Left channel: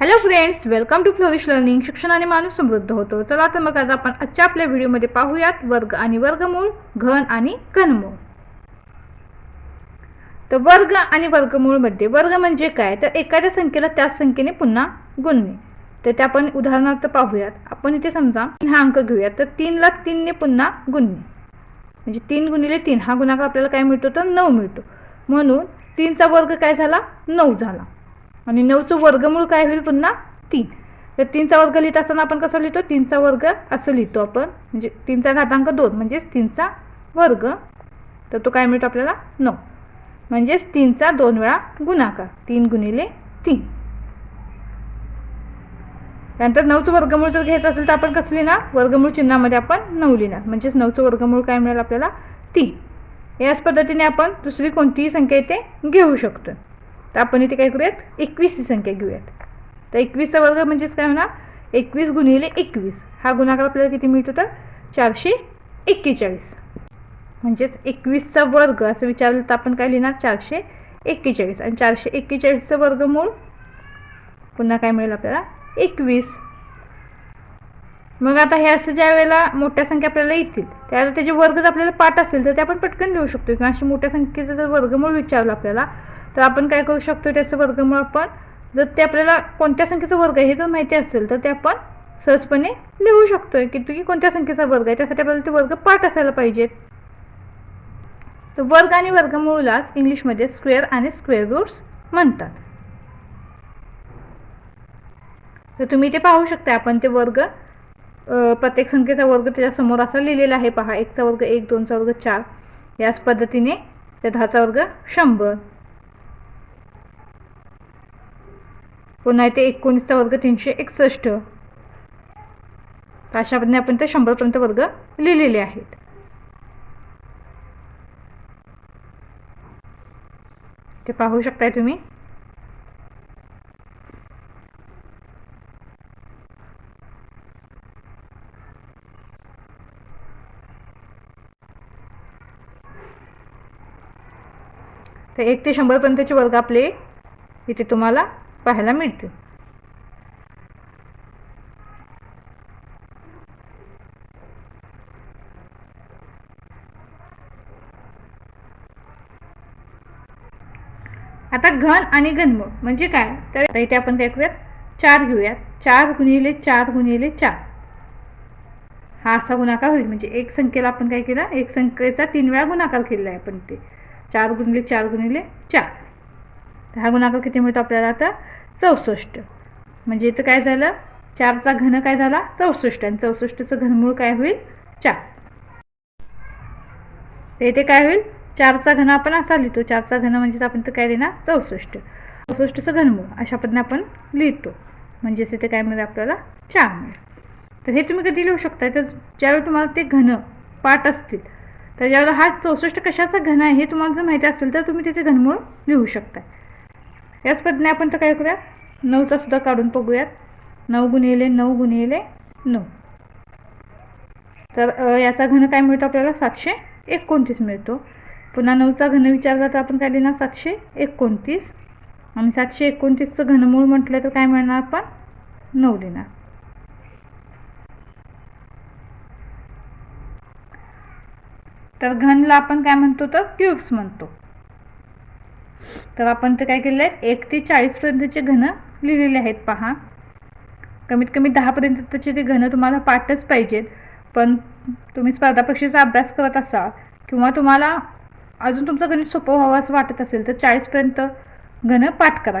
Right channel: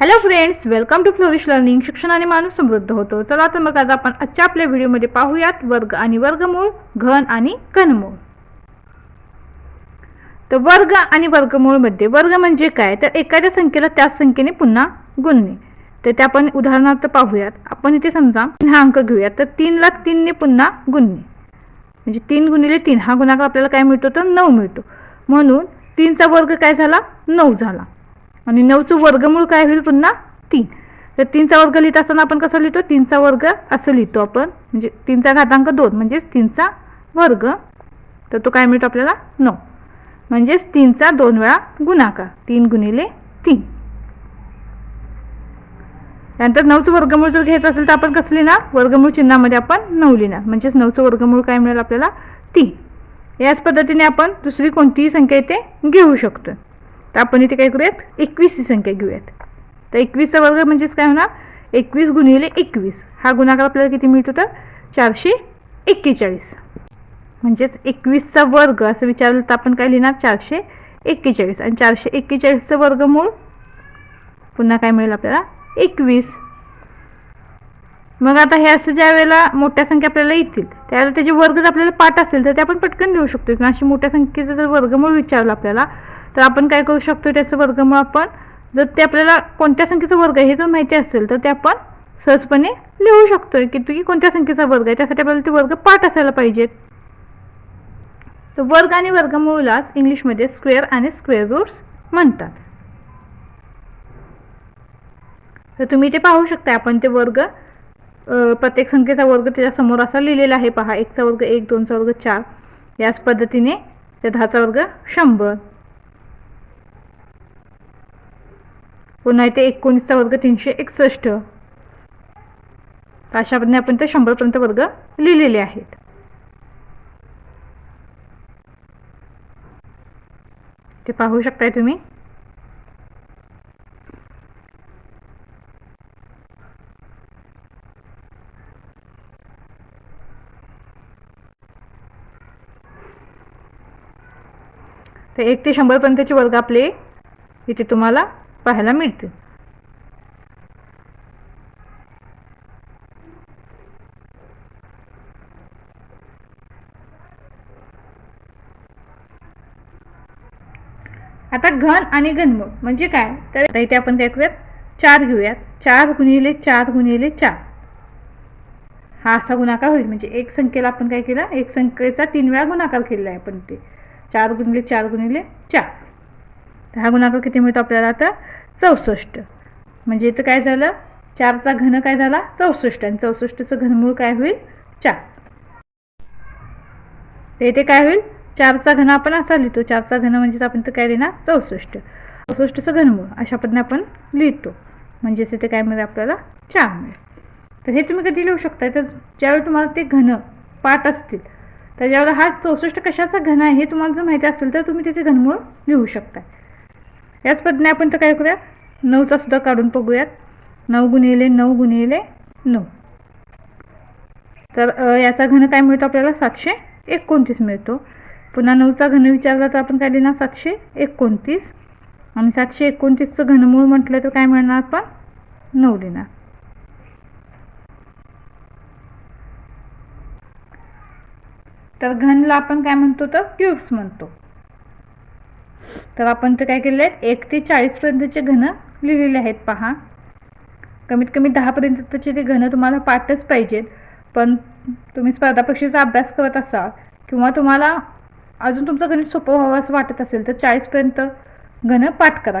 Hello friends, welcome to Flourish Learning. शिक्षणाने माणूस समृद्ध होतो. चला तर मग आज आपण आजच्या आपल्या व्हिडिओमध्ये पाहूयात वर्ग आणि वर्गमूळ, घन आणि घनमूळ. तर वर्ग आणि वर्गमूळ मध्ये वर्ग म्हणजे काय, तर एखाद्या संख्येला त्याच संख्येने पुन्हा गुणणे. तर ते आपण उदाहरणार्थ पाहूयात. आपण इथे समजा हा अंक घेऊयात, तर 3 ला 3 ने पुन्हा गुणणे, म्हणजे 3 गुणिले 3 हा गुणाकार आपल्याला काय मिळतो, तर 9 मिळतो. म्हणून 3 चा वर्ग काय झाला, 9 झाला. आणि 9चं वर्गमूळ काय होईल, पुन्हा 3. तर 3 चा वर्ग लिहित असताना आपण कसं लिहितो, 3 चा वर्ग असं लिहितो आपण, म्हणजे 3 चा घातांक 2 म्हणजेच 3 चा वर्ग. तर तो काय मिळतो आपल्याला, 9. म्हणजेच 3 चा 2 वेळा गुणाकार, 3 गुणिले 3. त्यानंतर 9चं वर्गमूळ जर घ्यायचं असेल तर आपण कसं लिहिणार, वर्गमूळ चिन्हामध्ये आपण 9 लिहिणार. म्हणजेच 9चं वर्गमूळ काय मिळेल आपल्याला, 3. याच पद्धतीने आपण दुसरी कोणतीही संख्या इथे घेऊ शकतो. तर आपण इथे काय करूयात, 21 ही संख्या घेऊयात. तर 21चा वर्ग म्हणजेच काय होणार, 21 गुणिले 21 हा गुणाकार आपल्याला किती मिळतो, तर 441. म्हणजेच 21चा वर्ग असं विचारलं तर आपण काय लिहिणार, 441. आणि 441चं वर्गमूळ पुन्हा काय मिळेल आपल्याला, 21. मग आता हे असं ज्या वेळेला मोठ्या संख्या आपल्याला येतील त्यावेळेला त्याचे वर्ग जर आपल्याला पाठ असेल तर ते आपण पटकन लिहू शकतो. किंवा अशी मोठ्या संख्येचं जर वर्गमूळ विचारलं आपल्याला तर आपण काय करू शकतो, त्याचं वर्गमूळ आपण जर ते आपल्याला कोणत्या संख्येचा वर्ग आहे हे जर माहिती असेल तर ते आपण सहजपणे लिहू शकतोय की कोणत्या संख्येचा वर्ग आहे. त्यासाठी आपल्याला ते वर्ग पाठ असायला पाहिजेत. तर वर्ग आणि वर्गमूळलाच इंग्लिशमध्ये स्क्वेअर आणि स्क्वेअर रूट्स म्हणतात. तर तुम्ही ते पाहू शकता, आपण ते वर्ग प्रत्येक संख्येचा वर्ग त्याच्या समोर असा लिहिलेला आहे पहा. 1चा वर्ग 1, 2चा वर्ग 4, याच पद्धतीने त्या 10चा वर्ग 100, पुन्हा इथे 19चा वर्ग 361. अशा पद्धतीने आपण ते 100 पर्यंत वर्ग लिहिलेले आहेत. ते पाहू शकताय तुम्ही. तर 1 ते 100 पर्यंतचे वर्ग आपले इथे तुम्हाला पाहायला मिळते. आता घन आणि घनमूळ म्हणजे काय, तर इथे आपण काय करूयात, 4 घेऊयात. 4 गुणिले 4 गुणिले 4 हा असा गुणाकार होईल. म्हणजे एक संख्येला आपण काय केलं, एक संख्येचा 3 वेळा गुणाकार केलेला आहे आपण. ते 4 गुणिले 4 गुणिले 4, हा गुणाकार किती मिळतो आपल्याला, आता 64. म्हणजे इथं काय झालं, 4चा घन काय झाला, 64. आणि 64चं घनमूळ काय होईल, 4. इथे काय होईल, 4चा घन आपण असा लिहितो. 4चा घन म्हणजेच आपण तर काय लिहिणार, 64. 64चं घनमूळ अशा पद्धतीने आपण लिहितो. म्हणजेच इथे काय मिळेल आपल्याला, 4 मिळेल. तर हे तुम्ही कधी लिहू शकता, तर ज्यावेळी तुम्हाला ते घन पाठ असतील तर ज्यावेळेला हा 64 कशाचा घन आहे हे तुम्हाला जर माहिती असेल तर तुम्ही त्याचे घनमूळ लिहू शकता. याच पद्धतीने आपण तर काय करूया, 9चा सुद्धा काढून बघूयात. 9 गुणिले 9 गुणिले 9, तर याचा घन काय मिळतो आपल्याला, 729 मिळतो. पुन्हा 9चा घन विचारला तर आपण काय लिहिणार, 729. आणि 729चं घनमूळ म्हटलं तर काय मिळणार, आपण 9 लिहिणार. तर घनला आपण काय म्हणतो, तर क्यूब्स म्हणतो. तर आपण तर काय केले, 1 ते 40 पर्यंतचे घन लिहिलेले आहेत पहा. कमीत कमी 10 पर्यंतचे ते घन तुम्हाला पाठच पाहिजेत. पण तुम्ही स्पर्धा परीक्षेचा अभ्यास करत असाल किंवा तुम्हाला अजून तुमचं गणित सोपं व्हावं असं वाटत असेल तर 40 पर्यंत घन पाठ करा.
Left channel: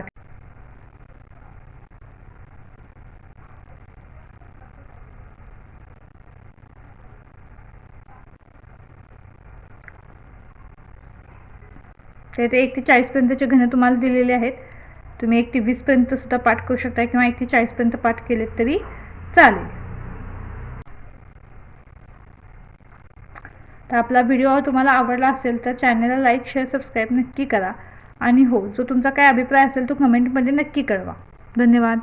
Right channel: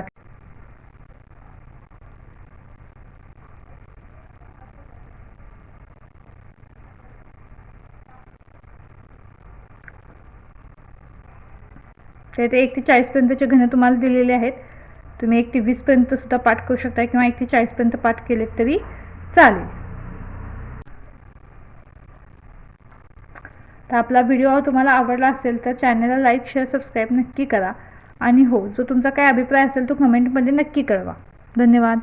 तर ते 1 ते 40 पर्यंतचे घन तुम्हाला दिलेले आहेत. तुम्ही 1 ते 20 पर्यंत सुद्धा पाठ करू शकता किंवा 1 ते 40 पर्यंत पाठ केले तरी चालेल. तर आपला व्हिडिओ तुम्हाला आवडला असेल तर चॅनलला लाईक, शेअर, सबस्क्राईब नक्की करा. आणि हो, जो तुमचा काय अभिप्राय असेल तो कमेंटमध्ये नक्की कळवा. धन्यवाद.